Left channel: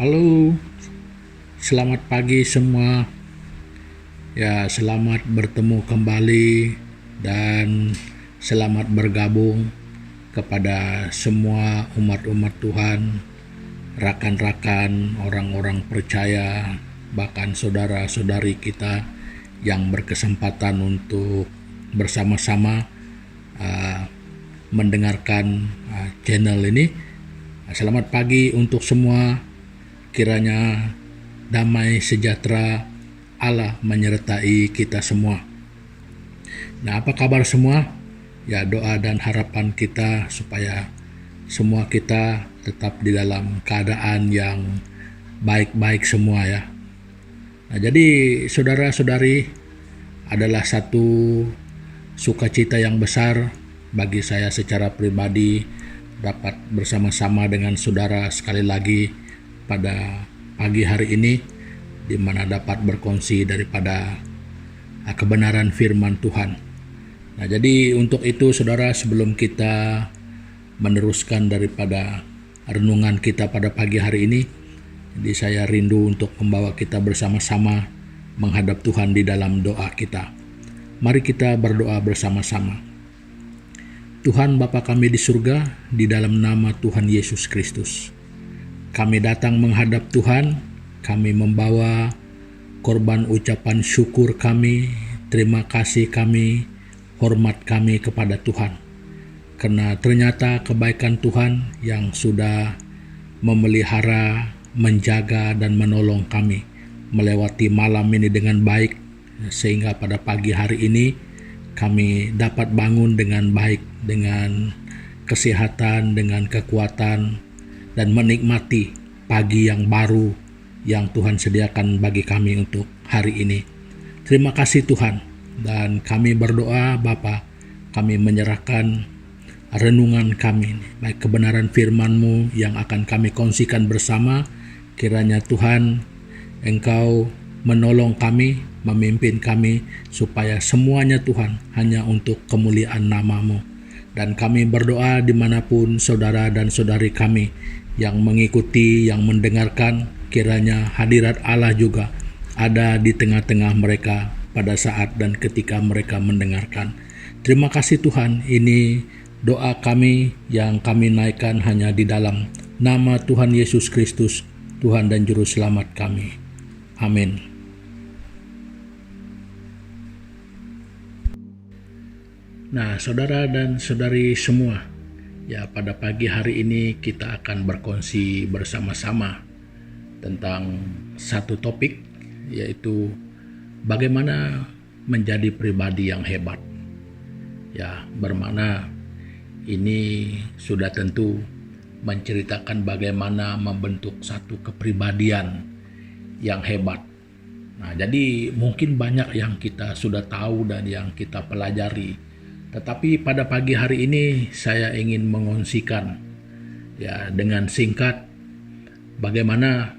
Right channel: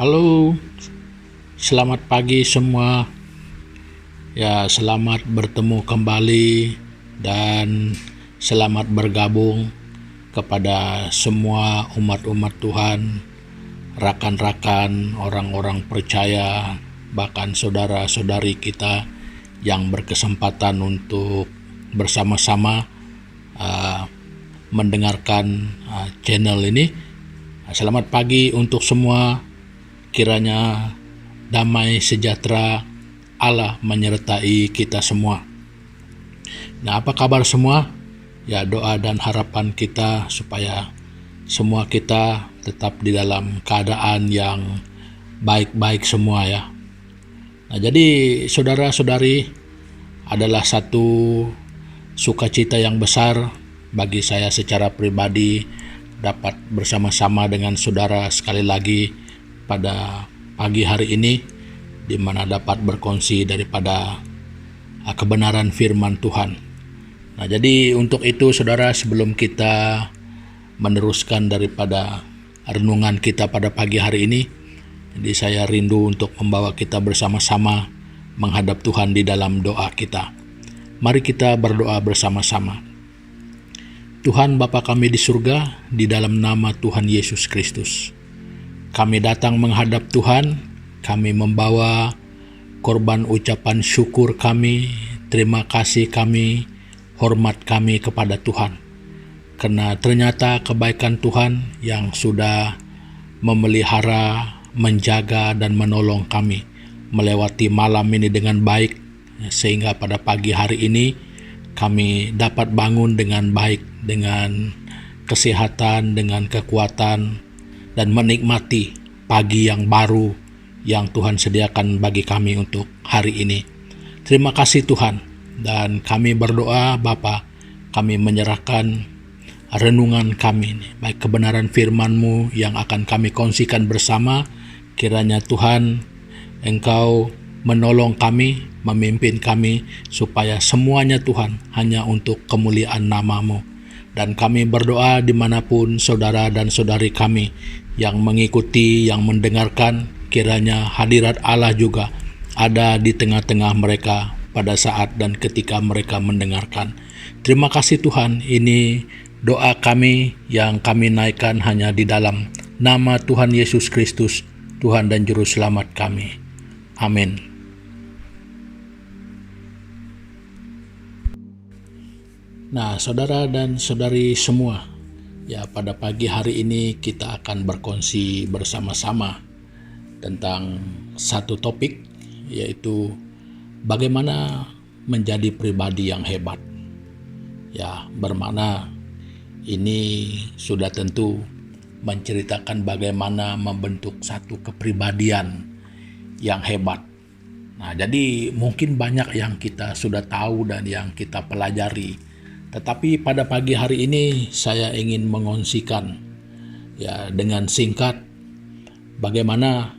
Halo, selamat pagi semua. Ya, selamat bertemu kembali dan selamat bergabung kepada semua umat-umat Tuhan, rakan-rakan, orang-orang percaya, bahkan saudara-saudari kita yang berkesempatan untuk bersama-sama mendengarkan channel ini. Selamat pagi untuk semua. Kiranya damai sejahtera Allah menyertai kita semua. Nah, apa kabar semua? Ya, doa dan harapan kita supaya semua kita tetap di dalam keadaan yang baik-baik semua ya. Nah, jadi saudara-saudari, adalah satu sukacita yang besar bagi saya secara pribadi dapat bersama-sama dengan saudara sekali lagi pada pagi hari ini, di mana dapat berkongsi daripada kebenaran firman Tuhan. Nah, jadi untuk itu saudara, sebelum kita meneruskan daripada renungan kita pada pagi hari ini, jadi saya rindu untuk membawa kita bersama-sama menghadap Tuhan di dalam doa kita. Mari kita berdoa bersama-sama. Tuhan Bapa kami di surga, di dalam nama Tuhan Yesus Kristus, kami datang menghadap Tuhan, kami membawa korban ucapan syukur kami, terima kasih kami, hormat kami kepada Tuhan. Karena ternyata kebaikan Tuhan yang sudah memelihara, menjaga dan menolong kami melewati malam ini dengan baik, sehingga pada pagi hari ini kami dapat bangun dengan baik, dengan kesehatan, dengan kekuatan, dan menikmati pagi yang baru yang Tuhan sediakan bagi kami untuk hari ini. Terima kasih Tuhan, dan kami berdoa Bapa, kami menyerahkan renungan kami, baik kebenaran firman-Mu yang akan kami kongsikan bersama. Kiranya Tuhan, Engkau menolong kami, memimpin kami, supaya semuanya Tuhan hanya untuk kemuliaan nama-Mu. Dan kami berdoa dimanapun saudara dan saudari kami yang mengikuti, yang mendengarkan, kiranya hadirat Allah juga ada di tengah-tengah mereka pada saat dan ketika mereka mendengarkan. Terima kasih Tuhan, ini doa kami yang kami naikkan hanya di dalam nama Tuhan Yesus Kristus, Tuhan dan Juru Selamat kami. Amin. Nah, saudara dan saudari semua, ya pada pagi hari ini kita akan berkongsi bersama-sama tentang satu topik, yaitu bagaimana menjadi pribadi yang hebat. Ya, bermakna ini sudah tentu menceritakan bagaimana membentuk satu kepribadian yang hebat. Nah, jadi mungkin banyak yang kita sudah tahu dan yang kita pelajari. Tetapi pada pagi hari ini saya ingin mengongsikan ya dengan singkat bagaimana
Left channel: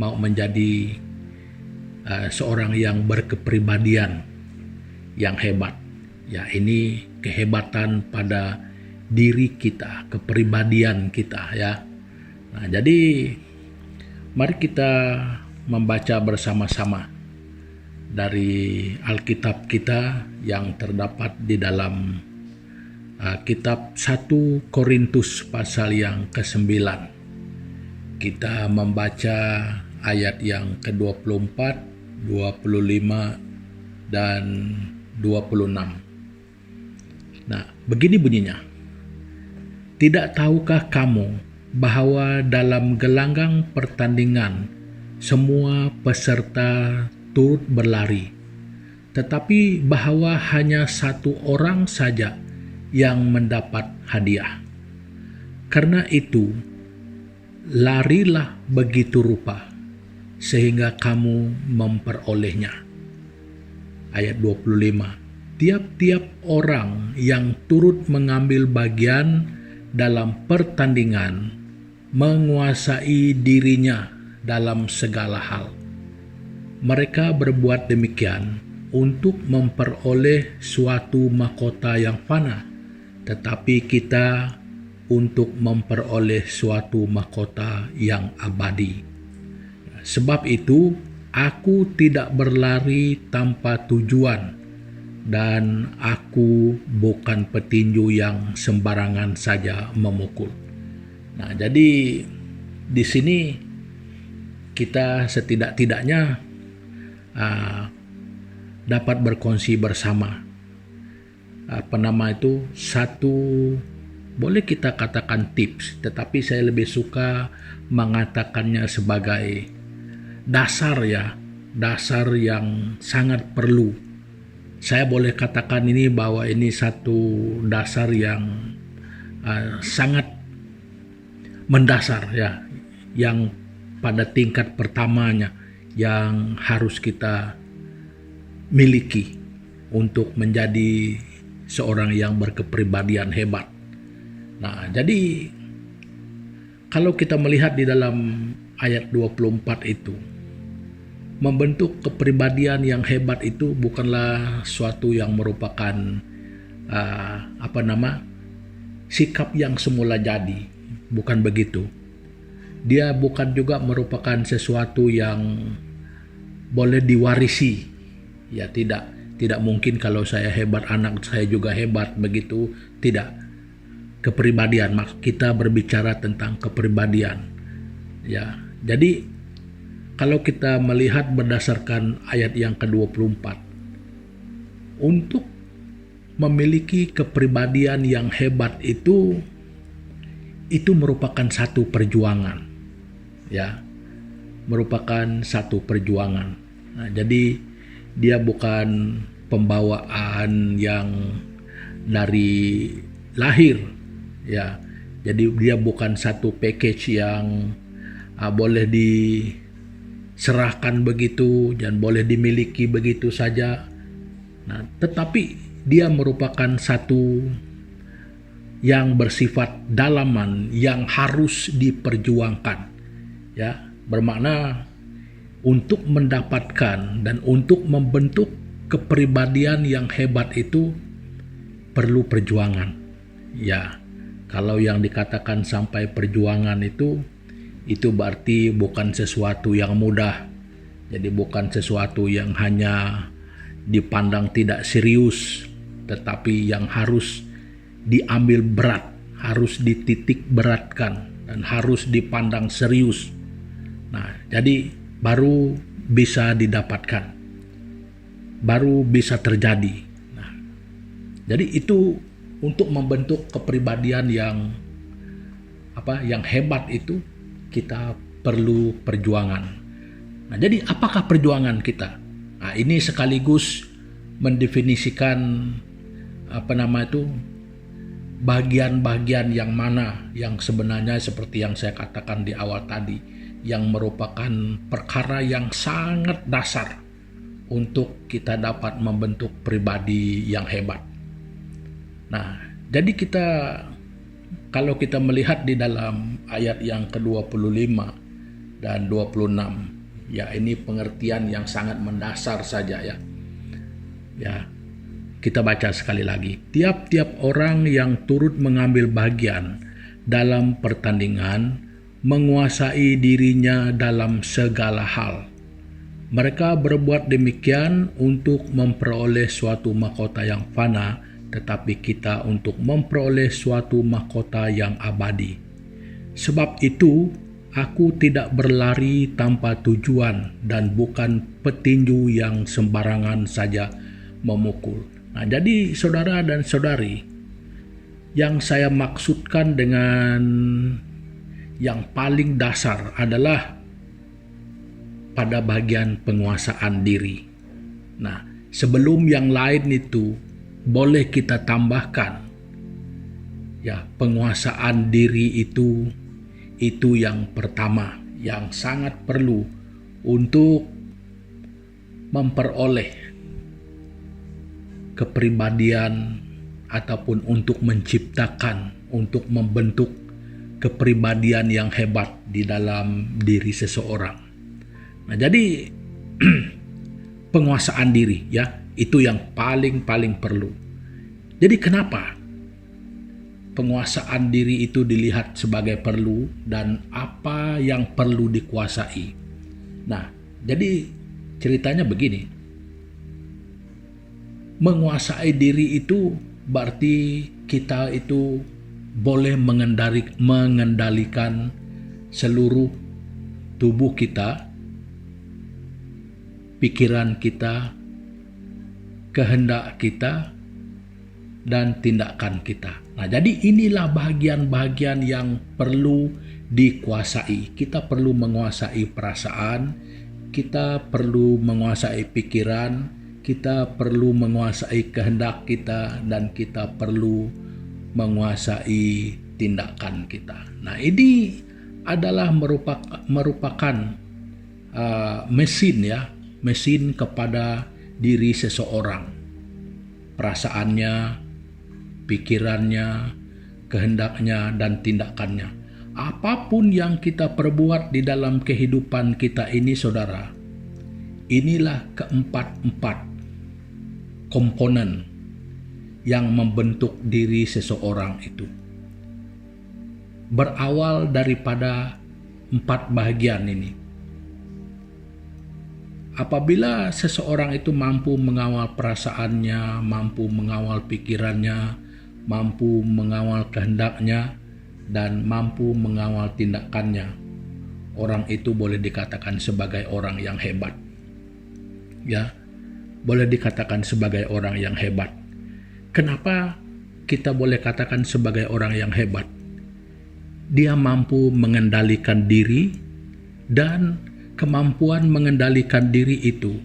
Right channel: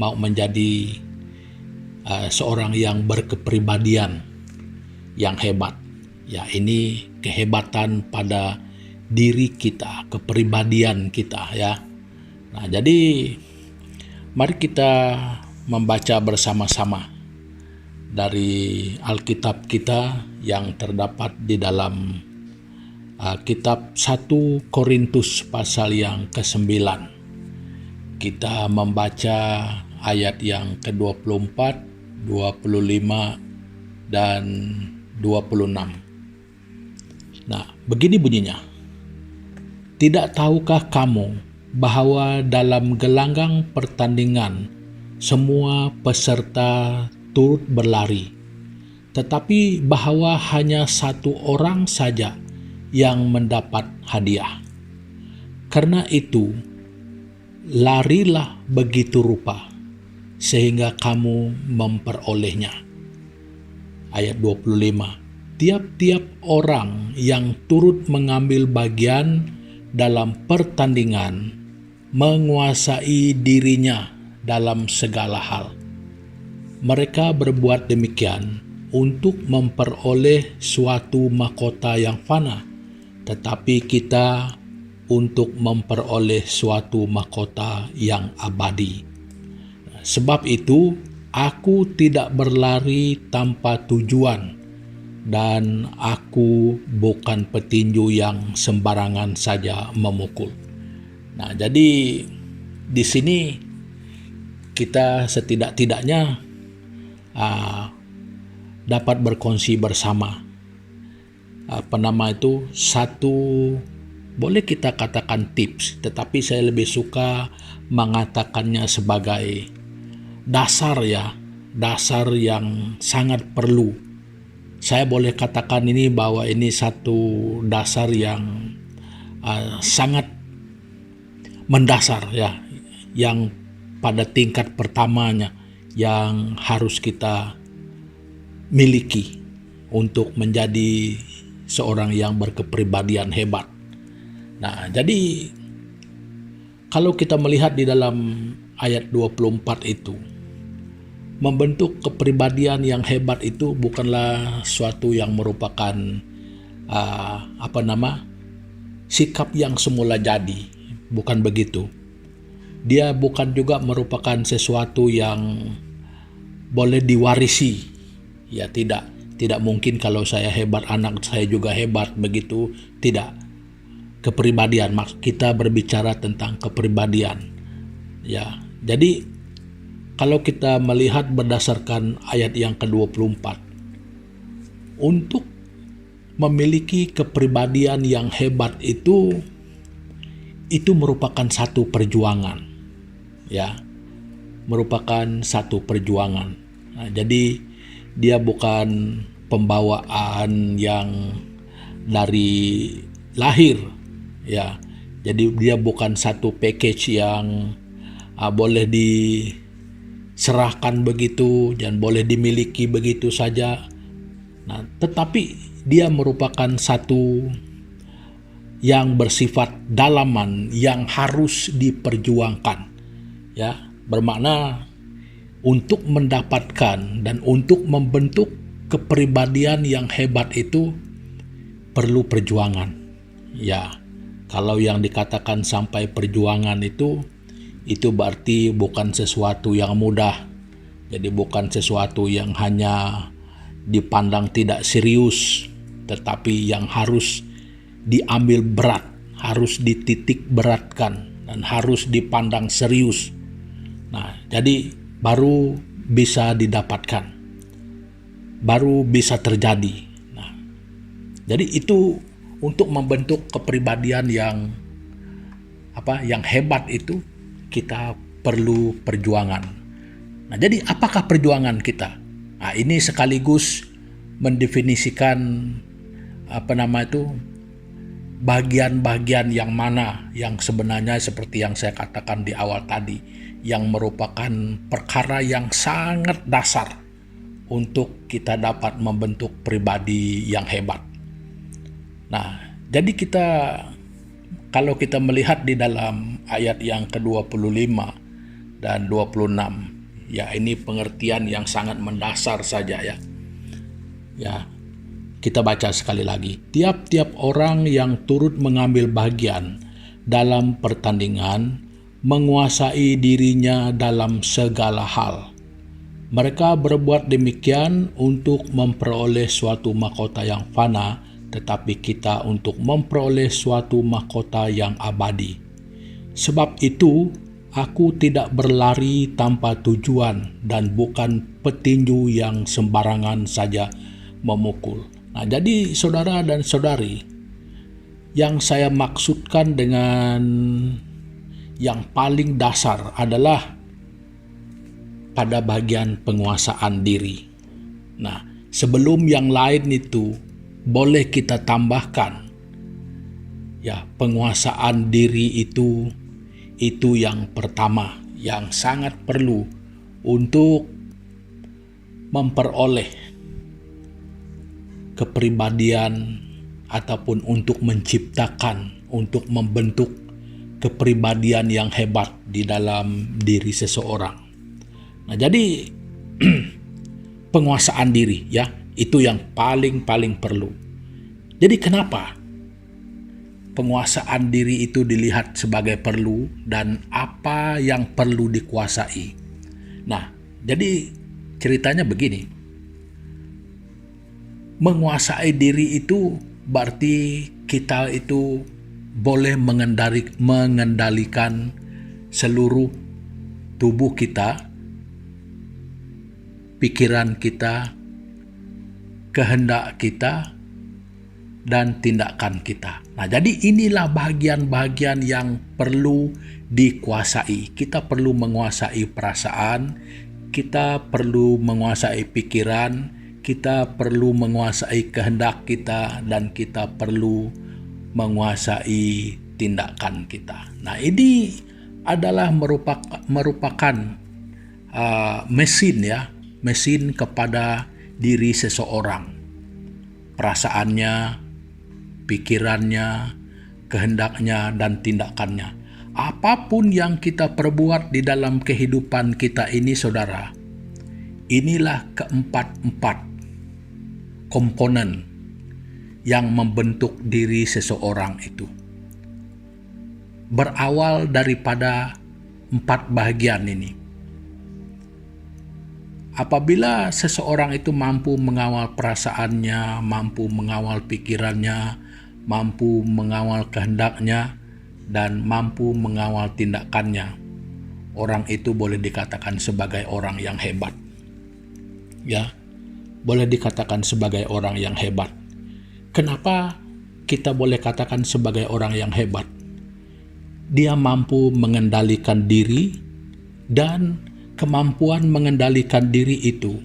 mau menjadi seorang yang berkepribadian yang hebat. Ya, ini kehebatan pada diri kita, kepribadian kita ya. Nah, jadi mari kita membaca bersama-sama dari Alkitab kita yang terdapat di dalam kitab 1 Korintus pasal yang ke-9. Kita membaca ayat yang ke-24, 25, dan 26. Nah, begini bunyinya. Tidak tahukah kamu bahwa dalam gelanggang pertandingan semua peserta turut berlari, tetapi bahwa hanya satu orang saja yang mendapat hadiah. Karena itu, larilah begitu rupa, sehingga kamu memperolehnya. Ayat 25, tiap-tiap orang yang turut mengambil bagian dalam pertandingan menguasai dirinya dalam segala hal. Mereka berbuat demikian untuk memperoleh suatu mahkota yang fana, tetapi kita untuk memperoleh suatu mahkota yang abadi. Sebab itu, aku tidak berlari tanpa tujuan, dan aku bukan petinju yang sembarangan saja memukul. Nah, jadi di sini kita setidak-tidaknya dapat berkongsi bersama satu, boleh kita katakan tips, tetapi saya lebih suka mengatakannya sebagai dasar yang sangat perlu. Saya boleh katakan ini bahwa ini satu dasar yang sangat mendasar yang pada tingkat pertamanya yang harus kita miliki untuk menjadi seorang yang berkepribadian hebat. Nah, jadi kalau kita melihat di dalam ayat 24 itu, membentuk kepribadian yang hebat itu bukanlah suatu yang merupakan sikap yang semula jadi, bukan begitu. Dia bukan juga merupakan sesuatu yang boleh diwarisi. Ya, tidak mungkin kalau saya hebat anak saya juga hebat begitu, tidak. Kepribadian, kita berbicara tentang kepribadian. Ya, jadi kalau kita melihat berdasarkan ayat yang ke-24, untuk memiliki kepribadian yang hebat itu merupakan satu perjuangan, merupakan satu perjuangan. Nah, jadi dia bukan pembawaan yang dari lahir, jadi dia bukan satu package yang boleh diserahkan begitu dan boleh dimiliki begitu saja. Nah, tetapi dia merupakan satu yang bersifat dalaman yang harus diperjuangkan. Bermakna untuk mendapatkan dan untuk membentuk kepribadian yang hebat itu perlu perjuangan. Kalau yang dikatakan sampai perjuangan itu berarti bukan sesuatu yang mudah. Jadi bukan sesuatu yang hanya dipandang tidak serius, tetapi yang harus diambil berat, harus dititik beratkan, dan harus dipandang serius. Nah, jadi baru bisa didapatkan, baru bisa terjadi. Nah, jadi itu untuk membentuk kepribadian yang hebat itu kita perlu perjuangan. Nah, jadi apakah perjuangan kita? Nah, ini sekaligus mendefinisikan bagian-bagian yang mana yang sebenarnya seperti yang saya katakan di awal tadi, yang merupakan perkara yang sangat dasar untuk kita dapat membentuk pribadi yang hebat. Nah, jadi kalau kita melihat di dalam ayat yang ke-25 dan 26, ini pengertian yang sangat mendasar saja ya. Kita baca sekali lagi. Tiap-tiap orang yang turut mengambil bagian dalam pertandingan menguasai dirinya dalam segala hal. Mereka berbuat demikian untuk memperoleh suatu mahkota yang fana, tetapi kita untuk memperoleh suatu mahkota yang abadi. Sebab itu, aku tidak berlari tanpa tujuan dan bukan petinju yang sembarangan saja memukul. Nah, jadi saudara dan saudari, yang saya maksudkan dengan yang paling dasar adalah pada bagian penguasaan diri. Nah, sebelum yang lain itu boleh kita tambahkan, penguasaan diri itu yang pertama, yang sangat perlu untuk memperoleh kepribadian ataupun untuk menciptakan, untuk membentuk kepribadian yang hebat di dalam diri seseorang. Nah, jadi penguasaan diri itu yang paling perlu. Jadi kenapa penguasaan diri itu dilihat sebagai perlu dan apa yang perlu dikuasai? Nah, jadi ceritanya begini. Menguasai diri itu berarti kita itu boleh mengendalikan seluruh tubuh kita, pikiran kita, kehendak kita, dan tindakan kita. Nah, jadi inilah bagian-bagian yang perlu dikuasai. Kita perlu menguasai perasaan, kita perlu menguasai pikiran, kita perlu menguasai kehendak kita, dan kita perlu menguasai tindakan kita. Nah, ini adalah merupakan mesin kepada diri seseorang. Perasaannya, pikirannya, kehendaknya, dan tindakannya. Apapun yang kita perbuat di dalam kehidupan kita ini, saudara, inilah keempat komponen yang membentuk diri seseorang itu. Berawal daripada 4 bagian ini. Apabila seseorang itu mampu mengawal perasaannya, mampu mengawal pikirannya, mampu mengawal kehendaknya, dan mampu mengawal tindakannya, orang itu boleh dikatakan sebagai orang yang hebat. Ya, boleh dikatakan sebagai orang yang hebat. Kenapa kita boleh katakan sebagai orang yang hebat? Dia mampu mengendalikan diri, dan kemampuan mengendalikan diri itu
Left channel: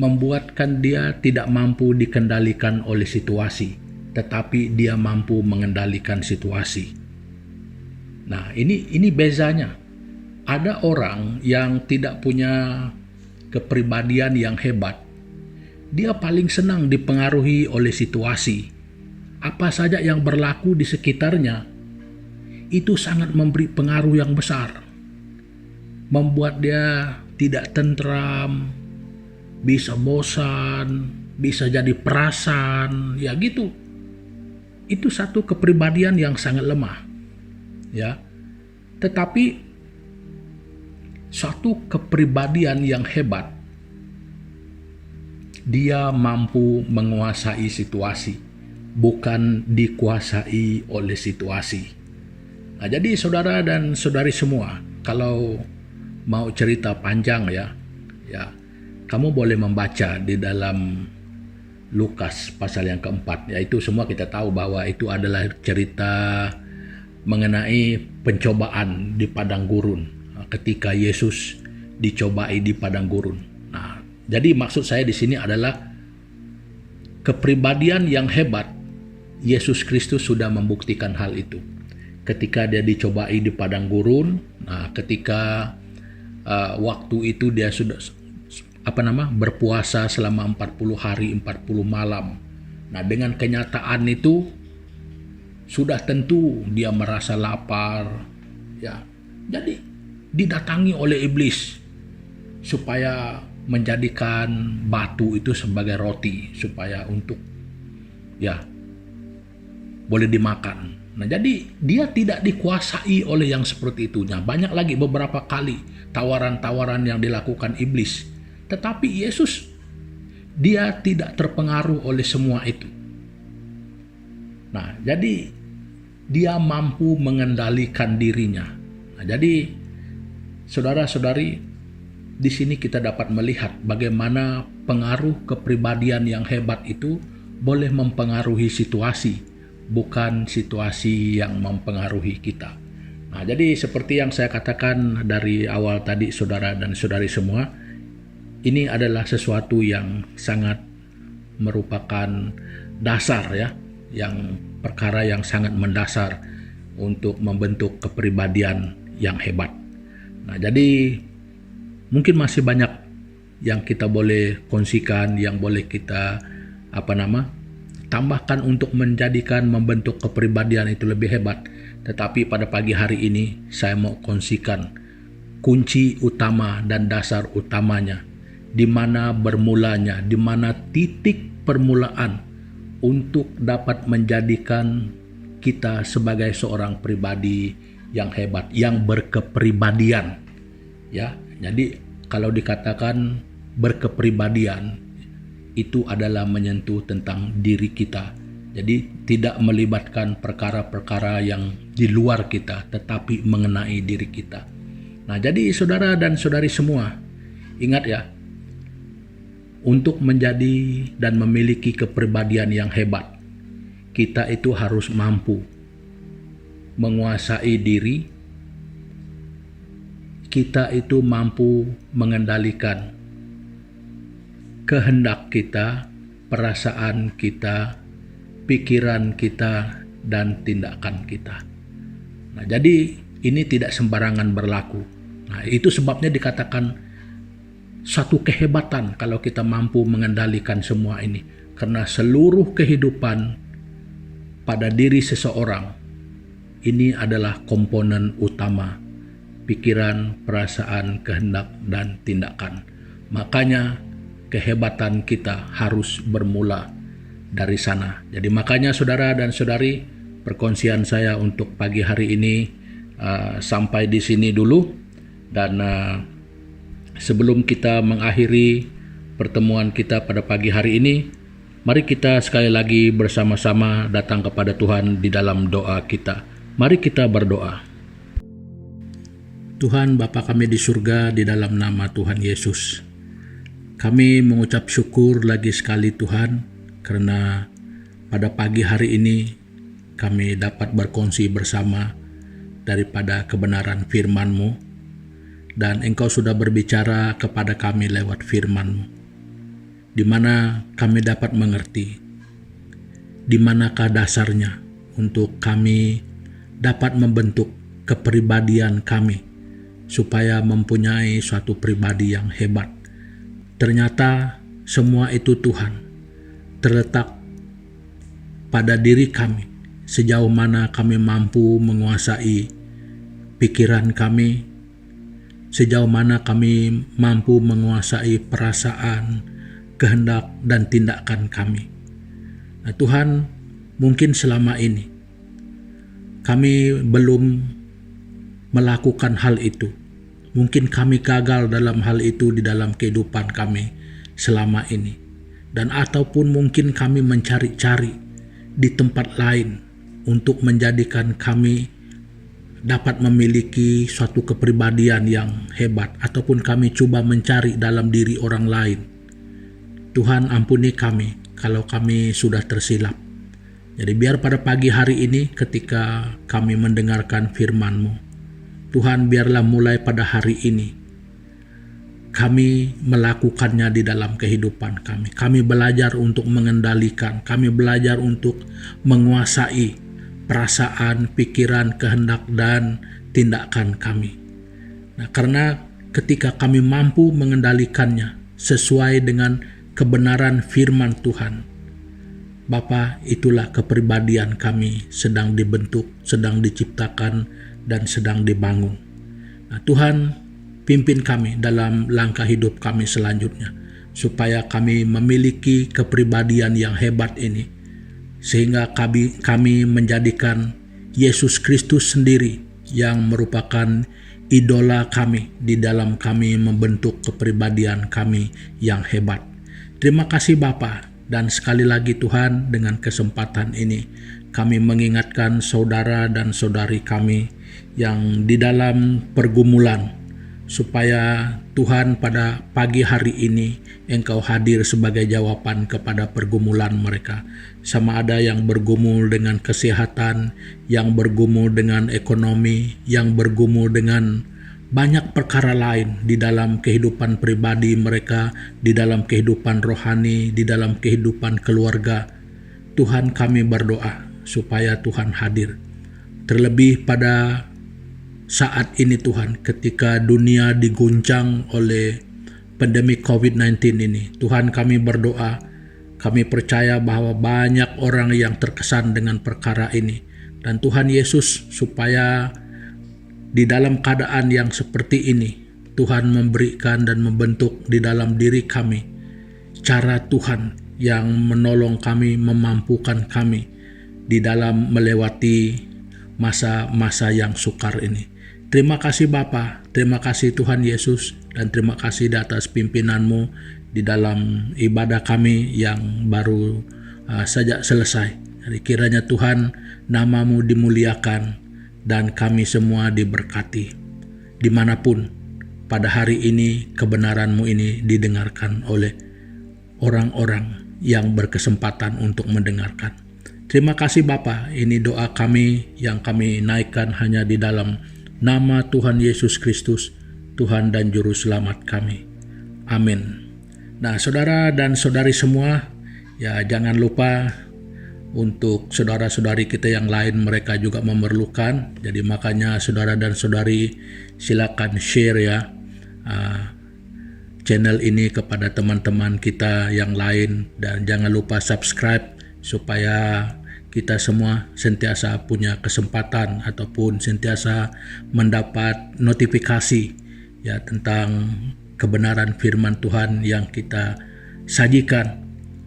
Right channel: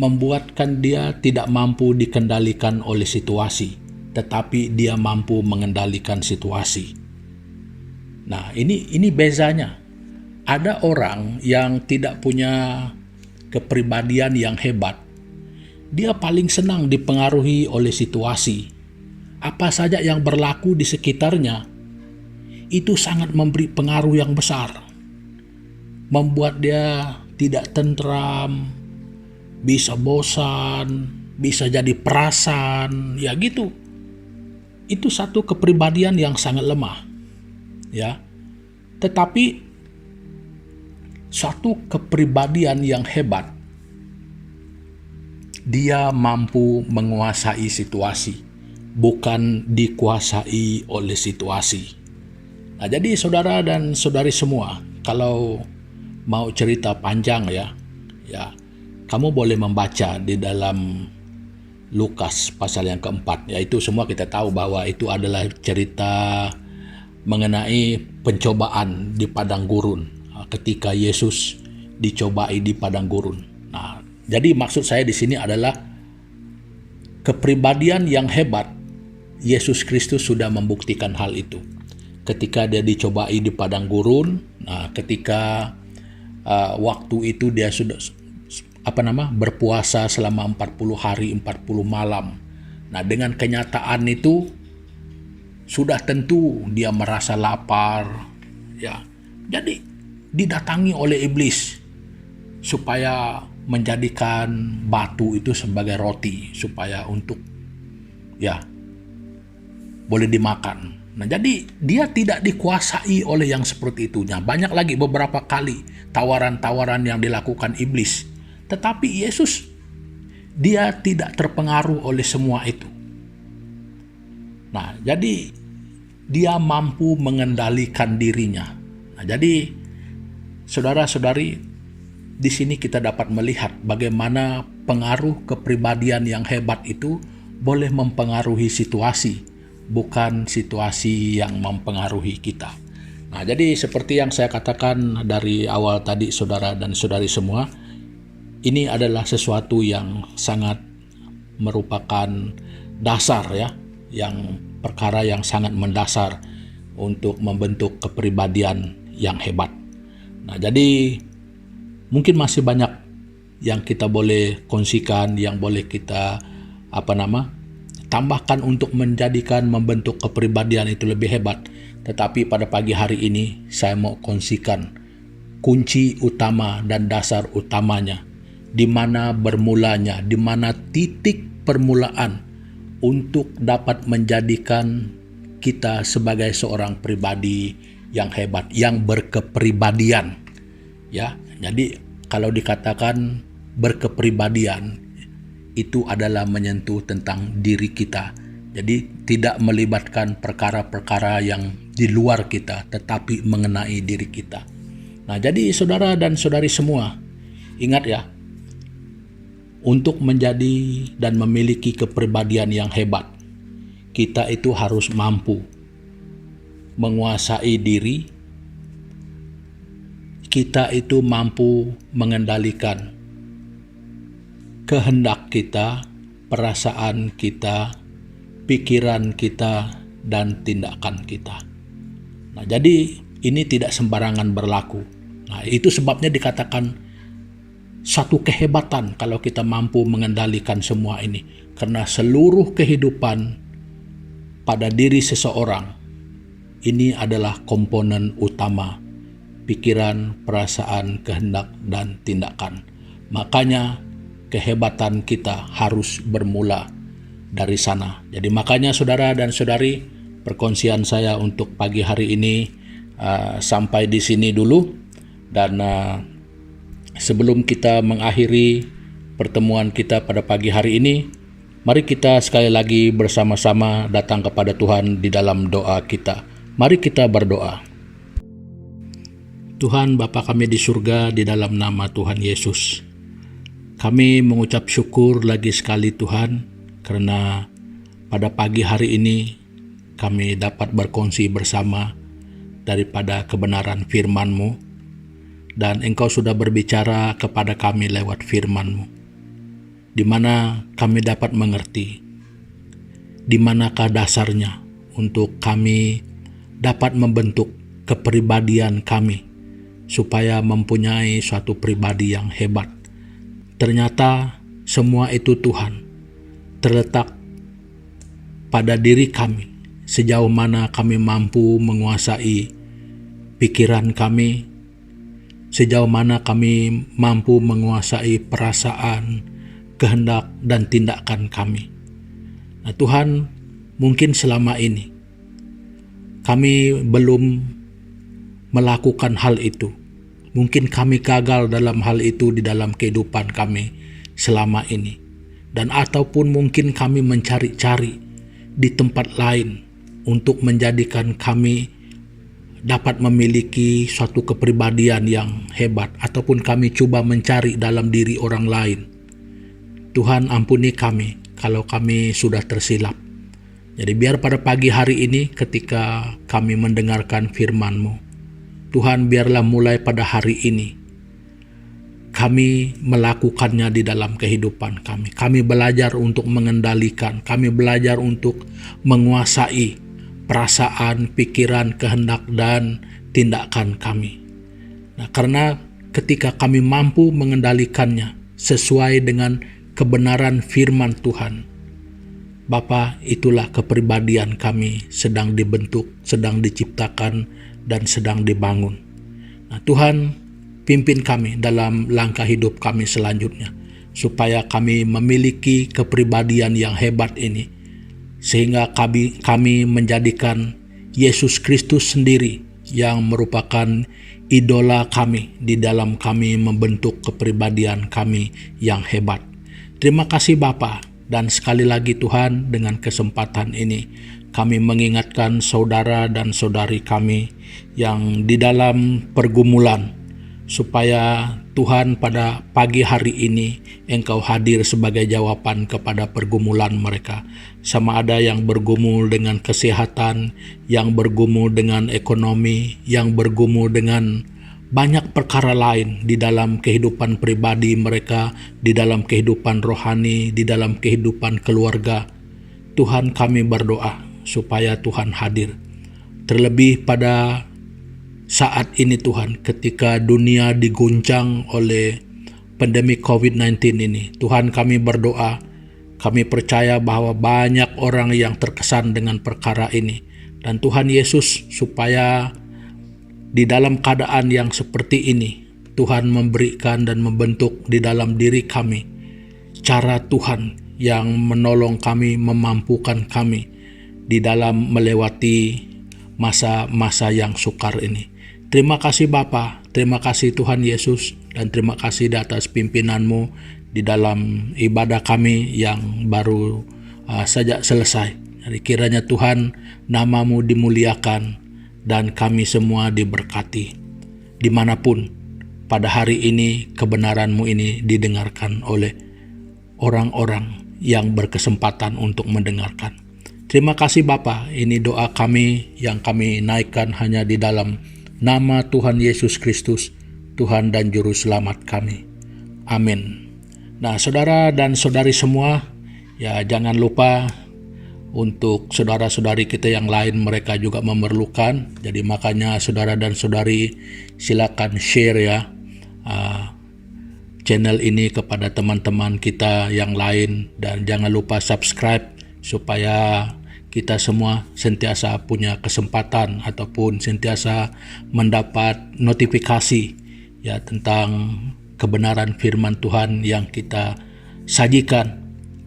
membuatkan dia tidak mampu dikendalikan oleh situasi, tetapi dia mampu mengendalikan situasi. Nah, ini bezanya. Ada orang yang tidak punya kepribadian yang hebat. Dia paling senang dipengaruhi oleh situasi. Apa saja yang berlaku di sekitarnya, itu sangat memberi pengaruh yang besar. Membuat dia tidak tentram, bisa bosan, bisa jadi perasan, ya gitu. Itu satu kepribadian yang sangat lemah. Ya. Tetapi suatu kepribadian yang hebat, dia mampu menguasai situasi, bukan dikuasai oleh situasi. Nah, jadi saudara dan saudari semua, kalau mau cerita panjang ya, kamu boleh membaca di dalam Lukas pasal yang keempat. Yaitu semua kita tahu bahwa itu adalah cerita mengenai pencobaan di padang gurun, ketika Yesus dicobai di padang gurun. Nah, jadi maksud saya di sini adalah kepribadian yang hebat. Yesus Kristus sudah membuktikan hal itu. Ketika dia dicobai di padang gurun, nah ketika waktu itu dia sudah berpuasa selama 40 hari 40 malam. Nah, dengan kenyataan itu sudah tentu dia merasa lapar, ya. Jadi didatangi oleh iblis supaya menjadikan batu itu sebagai roti supaya untuk boleh dimakan. Nah, jadi dia tidak dikuasai oleh yang seperti itunya. Banyak lagi beberapa kali tawaran-tawaran yang dilakukan iblis. Tetapi Yesus, dia tidak terpengaruh oleh semua itu. Nah, jadi dia mampu mengendalikan dirinya. Nah, jadi saudara-saudari, di sini kita dapat melihat bagaimana pengaruh kepribadian yang hebat itu boleh mempengaruhi situasi, bukan situasi yang mempengaruhi kita. Nah, jadi seperti yang saya katakan dari awal tadi, saudara dan saudari semua, ini adalah sesuatu yang sangat merupakan dasar ya, yang perkara yang sangat mendasar untuk membentuk kepribadian yang hebat. Nah, jadi mungkin masih banyak yang kita boleh kongsikan, yang boleh kita tambahkan untuk membentuk kepribadian itu lebih hebat. Tetapi pada pagi hari ini saya mau kongsikan kunci utama dan dasar utamanya, di mana bermulanya, di mana titik permulaan untuk dapat menjadikan kita sebagai seorang pribadi yang hebat, yang berkepribadian. Ya, jadi kalau dikatakan berkepribadian, itu adalah menyentuh tentang diri kita. Jadi tidak melibatkan perkara-perkara yang di luar kita, tetapi mengenai diri kita. Nah, jadi saudara dan saudari semua, ingat ya, untuk menjadi dan memiliki kepribadian yang hebat, kita itu harus mampu menguasai diri, kita itu mampu mengendalikan kehendak kita, perasaan kita, pikiran kita, dan tindakan kita. Nah, jadi ini tidak sembarangan berlaku. Nah, itu sebabnya dikatakan satu kehebatan kalau kita mampu mengendalikan semua ini. Karena seluruh kehidupan pada diri seseorang ini adalah komponen utama: pikiran, perasaan, kehendak, dan tindakan. Makanya kehebatan kita harus bermula dari sana. Jadi makanya saudara dan saudari, perkongsian saya untuk pagi hari ini sampai di sini dulu. Dan sebelum kita mengakhiri pertemuan kita pada pagi hari ini, mari kita sekali lagi bersama-sama datang kepada Tuhan di dalam doa kita. Mari kita berdoa. Tuhan Bapa kami di surga, di dalam nama Tuhan Yesus, kami mengucap syukur lagi sekali Tuhan, karena pada pagi hari ini kami dapat berkongsi bersama daripada kebenaran firman-Mu, dan Engkau sudah berbicara kepada kami lewat firman-Mu, di mana kami dapat mengerti di manakah dasarnya untuk kami dapat membentuk kepribadian kami supaya mempunyai suatu pribadi yang hebat. Ternyata semua itu Tuhan terletak pada diri kami, sejauh mana kami mampu menguasai pikiran kami, sejauh mana kami mampu menguasai perasaan, kehendak, dan tindakan kami. Nah Tuhan, mungkin selama ini kami belum melakukan hal itu. Mungkin kami gagal dalam hal itu di dalam kehidupan kami selama ini. Dan ataupun mungkin kami mencari-cari di tempat lain untuk menjadikan kami dapat memiliki suatu kepribadian yang hebat, ataupun kami coba mencari dalam diri orang lain. Tuhan, ampuni kami kalau kami sudah tersilap. Jadi biar pada pagi hari ini ketika kami mendengarkan firman-Mu, Tuhan, biarlah mulai pada hari ini kami melakukannya di dalam kehidupan kami. Kami belajar untuk mengendalikan, kami belajar untuk menguasai perasaan, pikiran, kehendak, dan tindakan kami. Nah, karena ketika kami mampu mengendalikannya sesuai dengan kebenaran firman Tuhan, Bapa, itulah kepribadian kami sedang dibentuk, sedang diciptakan, dan sedang dibangun. Nah, Tuhan, pimpin kami dalam langkah hidup kami selanjutnya, supaya kami memiliki kepribadian yang hebat ini, sehingga kami menjadikan Yesus Kristus sendiri yang merupakan idola kami di dalam kami membentuk kepribadian kami yang hebat. Terima kasih Bapa, dan sekali lagi Tuhan, dengan kesempatan ini kami mengingatkan saudara dan saudari kami yang di dalam pergumulan, supaya Tuhan pada pagi hari ini Engkau hadir sebagai jawaban kepada pergumulan mereka. Sama ada yang bergumul dengan kesehatan, yang bergumul dengan ekonomi, yang bergumul dengan banyak perkara lain di dalam kehidupan pribadi mereka, di dalam kehidupan rohani, di dalam kehidupan keluarga. Tuhan, kami berdoa supaya Tuhan hadir. Terlebih pada saat ini Tuhan, ketika dunia diguncang oleh pandemi COVID-19 ini, Tuhan, kami berdoa, kami percaya bahwa banyak orang yang terkesan dengan perkara ini. Dan Tuhan Yesus, supaya di dalam keadaan yang seperti ini, Tuhan memberikan dan membentuk di dalam diri kami cara Tuhan yang menolong kami, memampukan kami di dalam melewati masa-masa yang sukar ini. Terima kasih Bapa, terima kasih Tuhan Yesus, Dan terima kasih di atas pimpinan-Mu di dalam ibadah kami yang baru saja selesai. Jadi kiranya Tuhan, nama-Mu dimuliakan dan kami semua diberkati. Dimanapun pada hari ini kebenaran-Mu ini didengarkan oleh orang-orang yang berkesempatan untuk mendengarkan. Terima kasih Bapa, ini doa kami yang kami naikkan hanya di dalam nama Tuhan Yesus Kristus, Tuhan dan Juru Selamat kami. Amin. Nah, saudara dan saudari semua, ya jangan lupa untuk saudara-saudari kita yang lain, mereka juga memerlukan. Jadi makanya saudara dan saudari silakan share ya channel ini kepada teman-teman kita yang lain, dan jangan lupa subscribe supaya kita semua sentiasa punya kesempatan ataupun sentiasa mendapat notifikasi ya tentang kebenaran firman Tuhan yang kita sajikan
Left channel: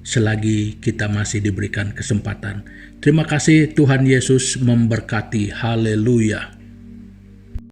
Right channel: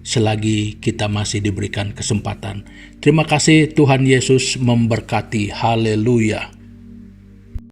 selagi kita masih diberikan kesempatan. Terima kasih, Tuhan Yesus memberkati. Haleluya.